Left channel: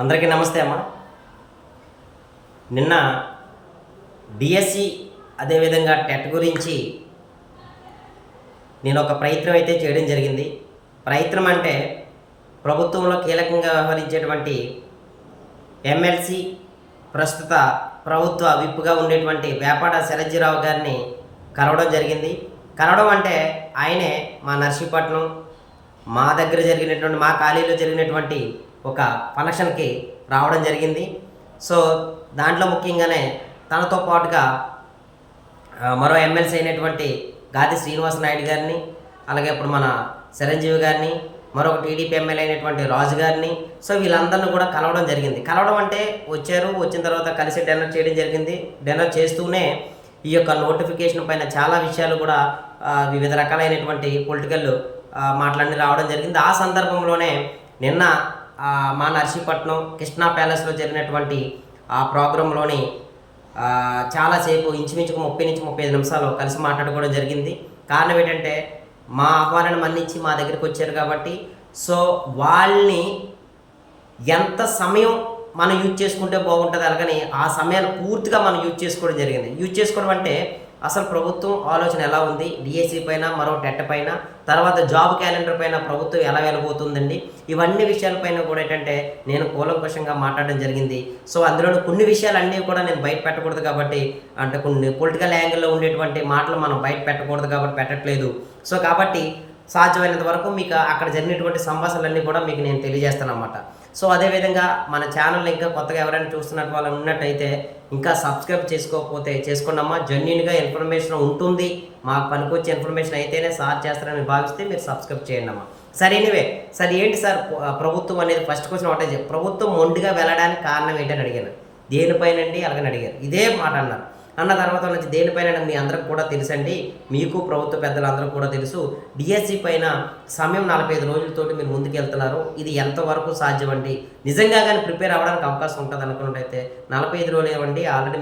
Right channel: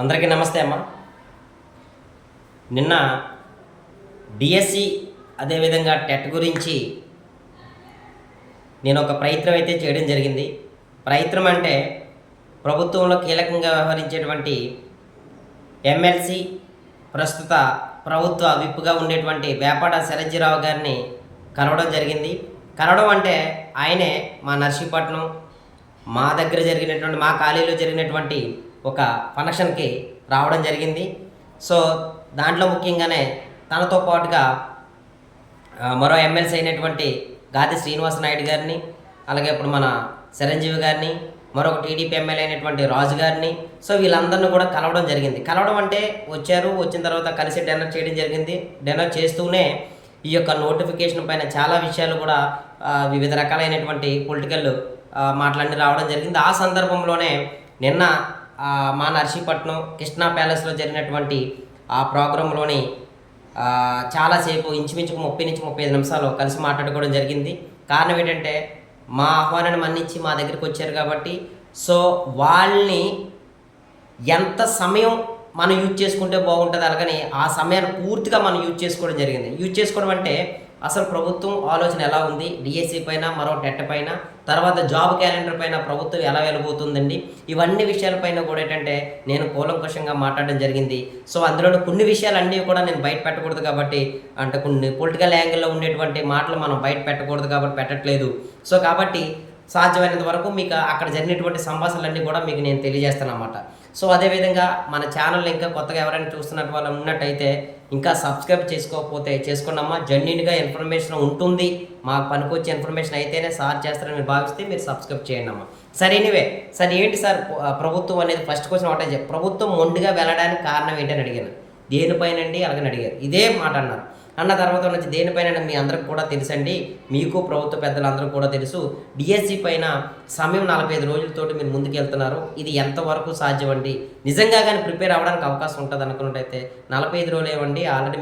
అందరికీ నమస్తే అమ్మ. నిన్న డిఎస్సి అదేవిధంగా టెట్ గురించి నేను ఒక ప్రయత్నం అయితే చేయడం జరిగింది. ప్రయత్నం అంటే ప్రభుత్వంలో కీలకంగా వ్యవహరించేటువంటి ఎమ్మెల్సీ ప్రస్తుత ప్రభుత్వ విప్పుగా ఉండేటువంటి వేపాడ శరజ్జీరావు గారిని కలవడం జరిగింది. కలవడం అంటే ఆయనే మా నర్సీపట్నం మా దగ్గర జరిగినటువంటి మా కాలేజీలో జరిగినటువంటి ఒక ఫంక్షన్కి రావడం జరిగింది. సో దాంట్లో ముఖ్యంగానే తనతో పాటుగా మరో ఎమ్మెల్సీ అయినటువంటి గాది శ్రీనివాస నాయుడు గారిని, అలాగే ఇప్పుడు మన చిరంజీవి గారిని, మరొక టీడీపీ ఎమ్మెల్యే అయినటువంటి రాజు గారిని, సో వీళ్ళందరినీ కూడా కలవడం జరిగింది. కలవడం అంటే వచ్చిన తర్వాత కలిసి డిన్నర్ చేయడం జరిగింది. డిన్నర్ చేస్తూనే ఈ యొక్క నోటిఫికేషన్ పైన చాలా విషయాలు కూడా వివిధ రకాలైనటువంటి పొలిటికల్ మాటలన్నీ రావడం జరిగింది. ఆ సందర్భంలోనే నిన్న మా నర్సీపట్నం కృష్ణా ప్యాలెస్లో జరిగినటువంటి ఆ ప్రోగ్రాంలోని చాలాసేపు ఇంచుమించుకు 30-35 నిమిషాలు కలిసి మాట్లాడుకోవడం జరిగింది. కారణం ఏంటంటే మా ఆహ్వానాన్ని మన్నించి మా దగ్గరికి వచ్చారు కాబట్టి, సో వాళ్ళని ఎంత సమయం మనం యూజ్ చేసుకుంటే బాగుంటుంది, అలాగని ఆ సమయాన్ని పూర్తిగా మనం యూజ్ చేసుకోవడం జరిగింది. యూజ్ చేసుకోవడం అంటే అసలు ప్రభుత్వం ఆలోచన ఎలా ఉంది, డిఎస్సి పైన, మరో టెట్ పైన, తర్వాత జాబ్ క్యాలెండర్ పైన ప్రభుత్వం ఎలా వెళ్ళబోతుందండి, ఇవన్నీ విషయాలపైన కూడా ఏంటంటే నేను కూలంకషంగా మాట్లాడడం జరిగింది. సో అందులోని కొన్ని విషయాలన్నీ కూడా నేను బయట పెట్టకూడదు కాబట్టి, అంటే కొన్ని పొలిటికల్ యాంగిల్లో ఉండేటువంటి మాటలు మనం బయట పెట్టకూడదు కాబట్టి పెట్టట్లేదు. సో కాబట్టి సాధ్యమైనంత వరకు మీకు అక్కడ జరిగినటువంటి సంభాషణలన్నీ కూడా మీకు నేను తెలియజేస్తాను అన్నమాట. సో అదేవిధంగా మన ఛానల్ని ఇంకా కొత్తగా ఎవరైనా చూస్తున్నట్టు వాళ్ళు ఉన్నట్టయితే ఇంకా సబ్స్క్రైబ్ చేసుకోకపోతే చేసుకోండమ్మా. జెన్యూన్గా ఇన్ఫర్మేషన్ ఉంటుంది, మాకు పనికొచ్చే ఇన్ఫర్మేషన్ అయితేనే సార్ చేస్తారని భావిస్తే మీరు సబ్స్క్రైబ్ చేయండి అమ్మా. సరే ఎనీవే సార్, ఏంటి సార్ ప్రభుత్వం అనేది ఫస్ట్ క్వశ్చన్ ఒకటే, ప్రభుత్వం మొండిగా వెళ్ళడానికి కారణం ఏంటని అడిగాను. దేనిపైనండి అలాగని అడిగారు. ఇదే మాట అన్నారు. అన్న తర్వాత నుంచి దేనిపైన మీ అందరికి కూడా తెలుసండి, మీకు ప్రభుత్వ పెద్దలందరూ కూడా తెలుసు, డిఎస్సి పైన సమయం 45 రోజులతోటి మీరు ముందుకు వెళ్తున్నారు. ఇది ఎంతవరకు సాధ్యం అండి? నిజంగా కానీ ప్రిపేర్ అవ్వడానికి అవకాశం ఉంటుంది అనుకున్నట్టయితే 45 రోజులు ఏమండి, ఆల్రెడీ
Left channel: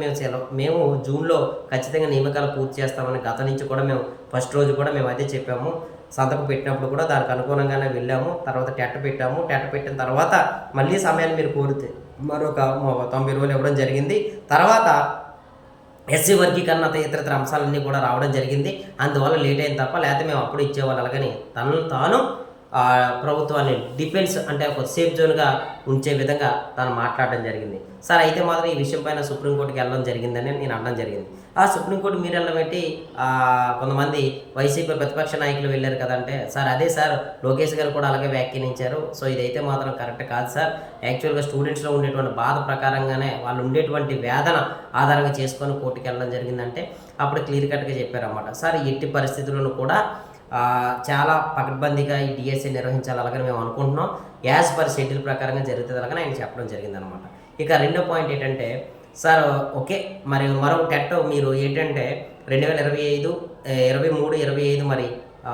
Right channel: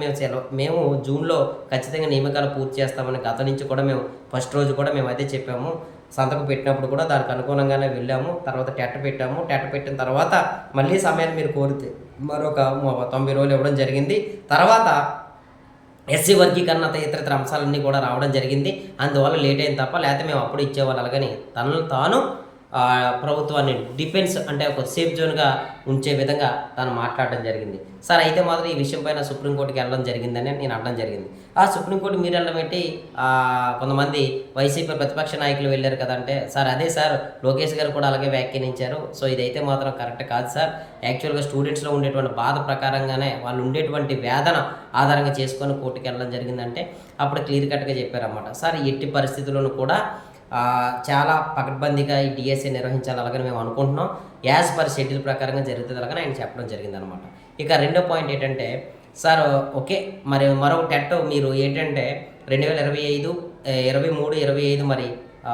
మేము జూన్లో ఖచ్చితంగా నియామకాలు పూర్తి చేస్తామని గత నుంచి కూడా మేము ఫస్ట్ రోజు కూడా మేము అయితే చెప్పాము. సంతకం పెట్టినప్పుడు కూడా దానికి అనుగుణంగానే వెళ్ళాము. తర్వాత టెట్ పెట్టాము. టెట్ పెట్టిన తర్వాత మళ్ళీ సమయాన్ని మీరు కోరితే మరొక 90 రోజులు ఇవ్వడం జరిగింది. తర్వాత ఎస్సీ వర్గీకరణ ఇతర అంశాలన్నీ కూడా రావడం జరిగింది. అందువల్ల లేట్ అయింది తప్ప, లేకపోతే మేము అప్పుడు ఇచ్చేవాళ్ళు. అలాగని తనను తాను ప్రభుత్వాన్ని డిఫెన్స్ అంటే ఒక సేఫ్ జోన్గా ఉంచే విధంగా తను మాట్లాడడం జరిగింది. సార్ అయితే మాత్రం ఈ విషయం పైన సుప్రీంకోర్టుకి వెళ్ళడం జరిగిందని నేను అనడం జరిగింది. ఆ సుప్రీంకోర్టు మీరు వెళ్ళడం పెట్టి కొంతమంది వైసీపీ ప్రతిపక్ష నాయకులు వెళ్ళారు కదంటే, సార్ అదే సార్ లోకేష్ గారు కూడా అలాగే వ్యాఖ్యానించారు. సో ఇదైతే మాత్రం కరెక్ట్ కాదు సార్. యాక్చువల్గా స్టూడెంట్స్లో ఉండేటువంటి బాధ ప్రకారంగానే వాళ్ళు ఉండేటువంటి వేదన ఆధారంగా చేసుకొని కోర్టుకి వెళ్ళడం జరిగిందంటే అప్పుడు క్లియర్ కట్గా చెప్పారన్నమాట. సార్ ఎట్టి పరిస్థితుల్లోనూ కూడా చాలా పకడ్బందీగా ఈ డిఎస్సి నిర్వహించాలి అలాగని మేము అనుకుంటున్నాం. యాజ్ పర్ షెడ్యూల్ ప్రకారంగా జరుగుతుంది అలాగని ఆయన చెప్పడం జరిగిందనమాట. ఇక రెండో పాయింట్ ఏంటంటే, సార్ ఓకే మరి మరొక టెట్ మీరు ఏంటంటే 2025, 23, 25 మరి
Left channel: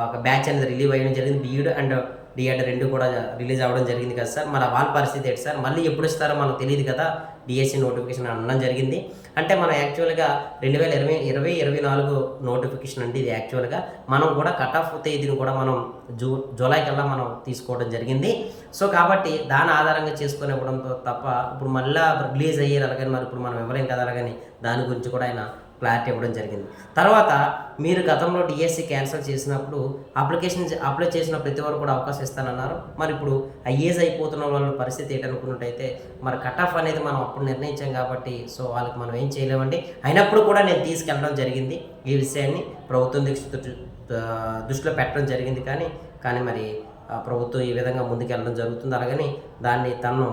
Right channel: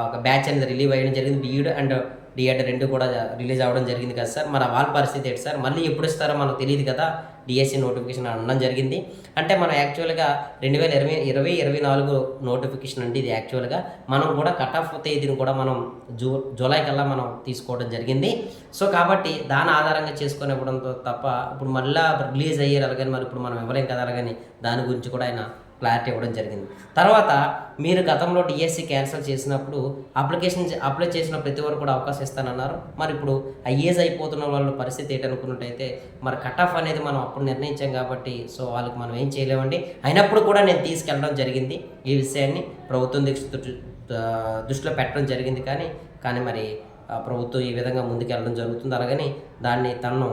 ఒక బ్యాచ్ అనేది రిలీవ్ అయ్యడం జరిగింది. బీఈడ్ అండ్ డిఎడ్ 2 కూడా రిలీజ్ అవ్వడం జరిగింది కదా సార్. మరి వాళ్ళ పరిస్థితి ఏంటి సార్? మళ్ళీ ఎప్పుడు ఇస్తారో మనకు తెలియదు కదా. డిఎస్సి నోటిఫికేషన్ అనడం జరిగింది. అంటే మనం యాక్చువల్గా 2024 నోటిఫికేషన్ అండి ఇది. యాక్చువల్గా మనం కూడా కట్ ఆఫ్ తేదీని కూడా మనం జూలై కల్లా మనం తీసుకోవడం జరిగింది. సో కాబట్టి దాని ఆధారంగా చేసుకొని ఇవ్వడంతో తప్ప ఇప్పుడు మళ్ళీ రిలీజ్ అయ్యేది అలాగని మరి ఇప్పుడు మనం ఇవ్వలేం కదా. అలాగని దాని గురించి కూడా ఆయన క్లారిటీ ఇవ్వడం జరిగింది. తర్వాత మీరు గతంలో డిఎస్సి క్యాన్సిల్ చేసినప్పుడు అప్లై చేసిన ప్రతి వారు కూడా అవకాశం ఇస్తానన్నారు. మరి ఇప్పుడు ఐఏజ్ అయిపోతున్న వాళ్ళ పరిస్థితి ఏంటనుకున్నట్టయితే మరి కట్ ఆఫ్ అనేది మనం అప్పుడు నిర్ణయించాం కాబట్టి సో వాళ్ళకి మనం ఏం చేయలేమండి. అయినప్పుడు కూడా నేను తీసుకెళ్ళడం జరిగింది. ఈ విషయాన్ని ప్రభుత్వం దృష్టిలో పెట్టడం జరిగింది. కానీ మరి ప్రభుత్వం ఈ విధంగా ముందుకెళ్ళడం జరుగుతుంది. అలాగని దాన్ని తను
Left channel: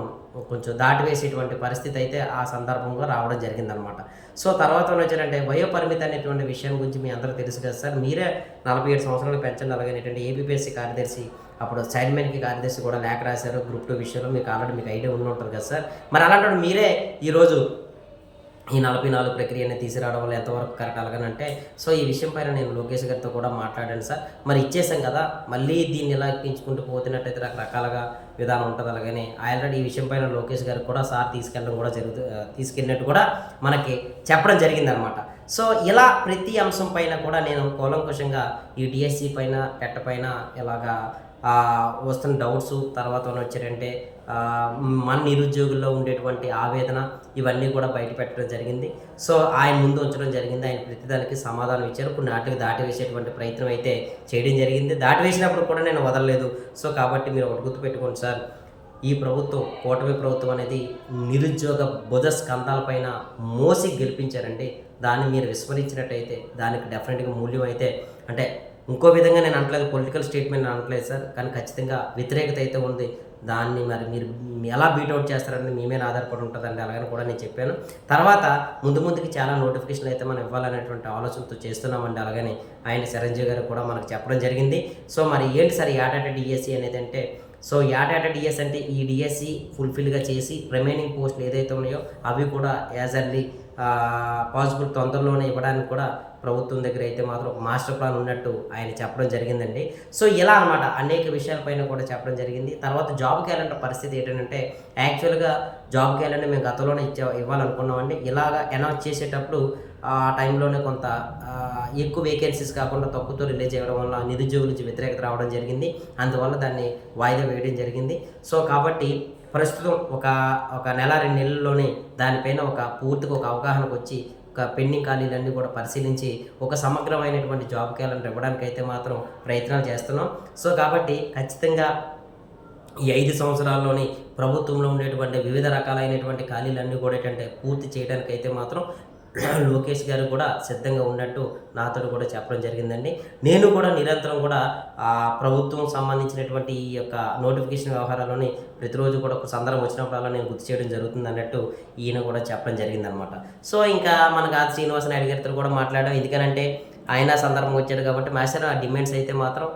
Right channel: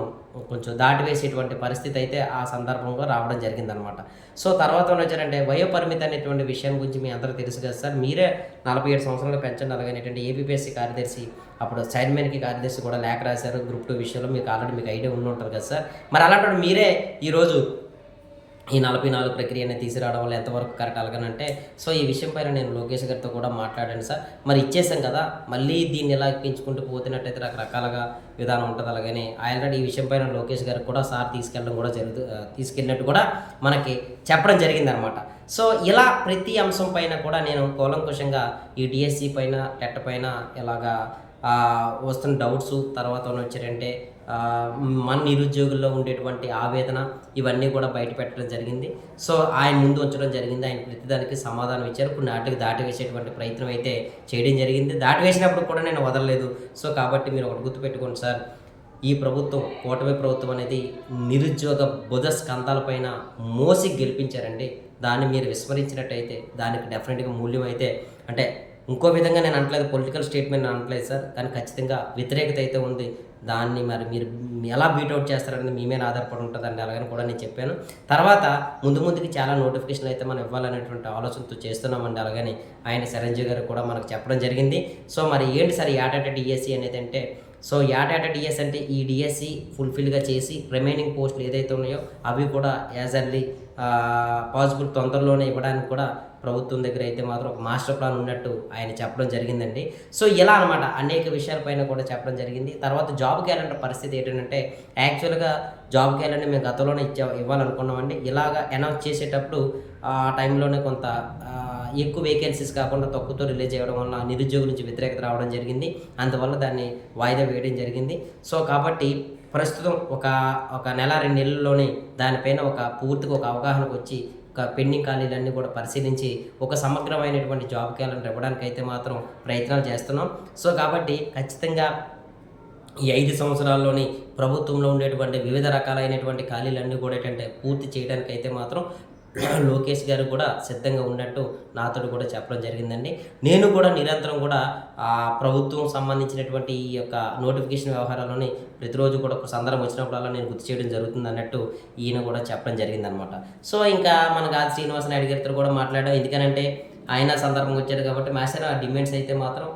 కొంచెం దాటివేసేటువంటి పరిస్థితి అయితే ఆ సందర్భంగా రావడం జరిగిందనమాట. సో తర్వాత వచ్చారంటే వయోపరిమితి అనేటువంటి విషయం గురించి మీ అందరూ తెలుసు కదా సార్. మీరే 47 సంవత్సరాలు పెంచండి అలాగనేటువంటి ఏపీఎస్సీ కార్యదర్శి అప్పుడు సైడ్మెన్కి కార్యదర్శి కూడా లేఖ రాశారు గ్రూప్ 2 విషయంలో. మీకు ఆల్రెడీ మీకు ఐడియా ఉండి ఉంటుంది కదా సార్. మరి అలాంటి మీరే ఈరోజు ఈ 44 ప్రక్రియని తీసుకురావడం వల్ల ఎంతవరకు కరెక్ట్ అలాగనంటే, సో ఈ విషయం పైన నేను లోకేష్ గారితో కూడా మాట్లాడాను సార్. మరి ఇచ్చేసాం కదా, మళ్ళీ దీన్ని ఎలా పెంచుకుంటూ పోతున్నట్టయితే రకరకాలుగా విధానం ఉంటుంది. అలాగని ఆల్రెడీ ఈ విషయం పైన లోకేష్ గారికి కూడా సార్ తీసుకెళ్ళడం కూడా తీసుకెళ్ళినట్టు కూడా మనకి చెప్పడం జరిగిందనమాట. సో ఇలా ప్రతి అంశం పైన కూడా నేను కూలంకుషంగా ఈ డిఎస్సి పైన టెట్ పైన ఇలాగా వస్తున్న డౌట్స్ తర్వాత వచ్చారంటే మన నిరుద్యోగుల్లో ఉండేటువంటి ఆవేదన ఇవన్నీ కూడా బయట పెట్టడం జరిగింది. సో ఆయన ముందు ఉంచడం జరిగింది. ఆయన ప్రతిదానికి సమాధానం ఇచ్చారు. కొన్ని ఆటలకు దాటివేసేటువంటి ప్రయత్నం అయితే చేయడం జరిగింది. దాటివేసినప్పుడు కూడా నేను వదలలేదు. సో కాబట్టి మీరు ఒకటి గుర్తుపెట్టుకోండి సార్, ఈ ప్రభుత్వం, కూటమి ప్రభుత్వం అనేది నిరుద్యోగ బుధ స్కంధాలపైన మోసి గెలిపించారండి. దాన్ని మీరు విస్మరించినట్టయితే దానికి డెఫినెట్గా మూల్యం అయితే, అంటే ఇంకో విధంగా నేను అనట్లేదు, పొలిటికల్ స్టేట్మెంట్ అనట్లేదు సార్, కానీ ఖచ్చితంగా వ్యతిరేకత అయితే ఉంది. దాన్ని మరి మీరు ఎలా బీట్అవుట్ చేస్తారనేది మీ మీద ఆధారపడి ఉంటుందండి. అలాగని కూడా నేను చెప్పాను. తర్వాత ముందుకి చాలా నోటిఫికేషన్లు అయితే మనం ఇవ్వాలనేటువంటి ఆలోచనతో చేస్తున్నామండి. అలాగని ఆయన చిరంజీవి గారు కూడా మనకు చెప్పడం జరిగింది. సో మరి ఏంటి సార్ ఏటాట డిఎస్సి అనేది అంటే, సో ఏటాట డిఎస్ అంటే ఈ డిఎస్సి ఫుల్ఫిల్గా చేసి రిమైనింగ్ పోస్టులు ఏదైతే ఉన్నాయో అవి కూడా యాజ్ ఎర్లీ పాసిబుల్ తొందరలోనే ఇవ్వడానికి కూడా ప్రభుత్వం దగ్గర అయితే మాత్రం ఒక మాస్టర్ ప్లాన్ ఉన్నట్టు ఆయన చెప్పడం జరిగిందండి. సో ఇలా అనమాట అనేక విషయాలపైన కూడా చెప్పడం జరిగింది. తర్వాత జాబ్ క్యాలెండర్ పరిస్థితి ఏంటంటే, యాక్చువల్గా జాబ్ క్యాలెండర్ మేము గతంలోనే ఇవ్వాలనుకున్నామండి. ఇలాగా అనౌన్స్ చేసేటప్పుడు ఆ టైంలోనే కొంత ఎక్కువ వేకెన్సీస్ కాకుండా తక్కువతో రిలీజ్ చేయడం వల్ల నిరుద్యోగుల నుంచి వ్యతిరేకత రావడం జరిగింది. అందువల్ల దాన్ని వాయిదా వేయడం జరిగింది. సో కాబట్టి ప్రస్తుతం ఒక నెల 2 నెలల్లోనే దానిపైన పూర్తిగా ఒక అవగాహనకు వచ్చి పెండింగ్ ఖాళీలన్నీ కూడా పరిశీలించి ఒక సమగ్రమైనటువంటి జాబ్ క్యాలెండర్ ఇవ్వడానికి అయితే మాత్రం ప్రయత్నాలు చేస్తున్నాం. సో కాబట్టి ఖచ్చితంగా ఈ 5 సంవత్సరాల్లోని ప్రభుత్వంలో ఉండేటువంటి వివిధ రకాలైనటువంటి ఖాళీలన్నీ కూడా ఏంటంటే పూర్తి చేయడానికి అయితే మాత్రం లోకేష్ గారు కూడా సిద్ధంగా ఉన్నట్టు నాతో కూడా చెప్పడం జరిగిందండి. నేను కూడా నిరంతరం కూడా ప్రభుత్వం సంబంధించినటువంటి ఈ యొక్క నోటిఫికేషన్ వ్యవహారాల్లోని ప్రతిరోజు కూడా సందర్భం వచ్చినప్పుడల్లా నేను గుర్తు చేయడం జరుగుతుంది అన్నట్టు ఈయన కూడా చెప్పడం జరిగిందనమాట. సో ఇంకా మన గాది శ్రీనివాస నాయుడు గారితో కూడా మాట్లాడాం. ఎందుకనంటే ఆయన సందర్భం వచ్చాడు కాబట్టి మాస్టర్ ఆ డిమాండ్స్ అయితే మాత్రం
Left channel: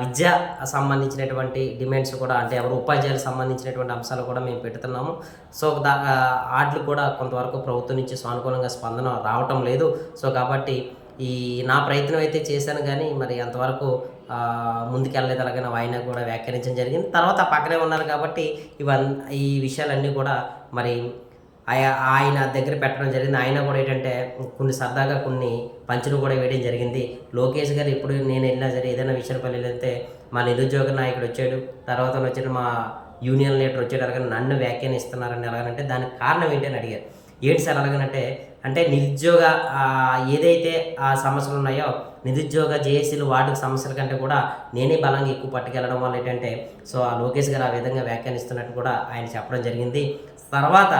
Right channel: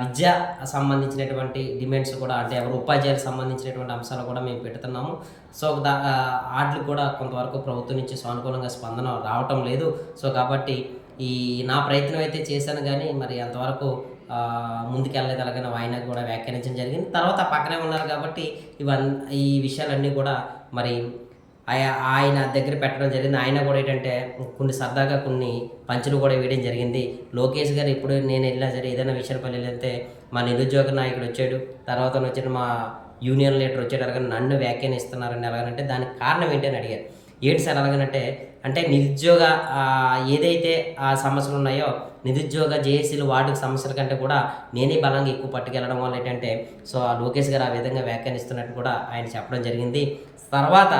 విద్య సంబంధించినటువంటి డిమాండ్స్ కూడా, అంటే ఎవరు ఉపాధ్యాయులకు సంబంధించినటువంటి అంశాలు కూడా మేము పెడుతున్నాము. సో వాటికి కూడా కొంతవరకు ప్రభుత్వం నుంచి సానుకూలంగా స్పందన రావటం లేదు. సో కాబట్టి నా ప్రయత్నం అయితే చేశాను, కానీ మరి అంతవరకు ముందుకెళ్ళలేదు. అలాగే ఆయన కూడా వ్యాఖ్యానించడం జరిగింది. తర్వాత పక్కనే ఉన్నారు కాబట్టి ఈ విషయాలన్నీ కూడా మరి ఆయన దగ్గర పెట్టడం జరిగింది. ఆయన కూడా ఏంటంటే కొన్ని సరదాగా కొన్ని పంచులు కూడా వేయడం జరిగింది. లోకేష్ గారు ఇప్పుడు నేను వెళ్ళినా సరే ఏదైనా విషయాలపల్లి వెళ్తే మా నిరుద్యోగ నాయకుడు వచ్చాడు, తర్వాత వచ్చాడు మా యూనియన్ లీడర్ వచ్చాడు, అలాగే నన్ను వ్యాఖ్యానిస్తున్నారని ఎలాగనంటే దానికి కారణం ఏంటి అని అడిగారు. ఏంటి సార్ అలాగనంటే నిరుద్యోగ ఏదైతే ఆ సమస్యలు ఉన్నాయో నిరుద్యోగ జేఏసీలు వార్డుకు సమస్యల కంటే కూడా నేనే బలంగా ఎక్కువ పట్టుకెళ్ళడం వల్ల ఏంటంటే సో ఆ లోకేష్ గారు ఆ విధంగా వ్యాఖ్యానిస్తున్నట్టు కూడా ఆయన చెప్పడం జరిగింది. తర్వాత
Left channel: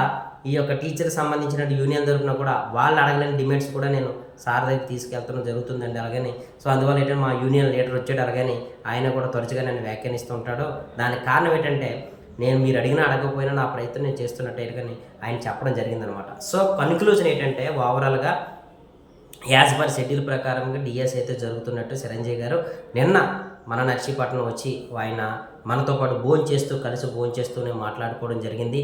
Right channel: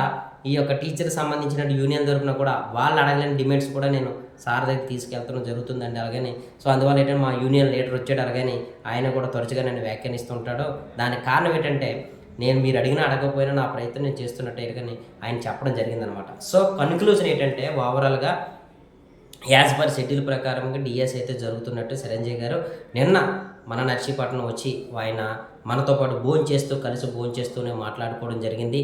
ఈ యొక్క టీచర్కి సంబంధించిన యూనియన్ తరపున కూడా వాళ్ళు అడగలేని డిమాండ్స్ కూడా నేను సార్ దగ్గర తీసుకెళ్తడం జరుగుతుందండి. అలాగని సో అందువల్ల ఏంటంటే మా యూనియన్ లీడర్ వచ్చాడు, అలాగని ఆయన కూడా తరచుగా నన్ను వ్యాఖ్యానిస్తూ ఉంటాడు. దానికి కారణం ఏంటంటే మీరు అడగకపోయినా నా ప్రయత్నం నేను చేస్తున్నట్టే కానీ ఆయన చెప్పడం జరిగిందనమాట. సో కన్క్లూజన్ ఏంటంటే ఓవరాల్గా యాజ్ పర్ షెడ్యూల్ ప్రకారంగా డిఎస్ అయితే జరుగుతున్నట్టు చిరంజీవి గారు నిన్న మన నర్సీపట్నం వచ్చి ఆయన మనతో పాటు కలిసి భోంచేస్తూనే మాట్లాడుకోవడం జరిగింది.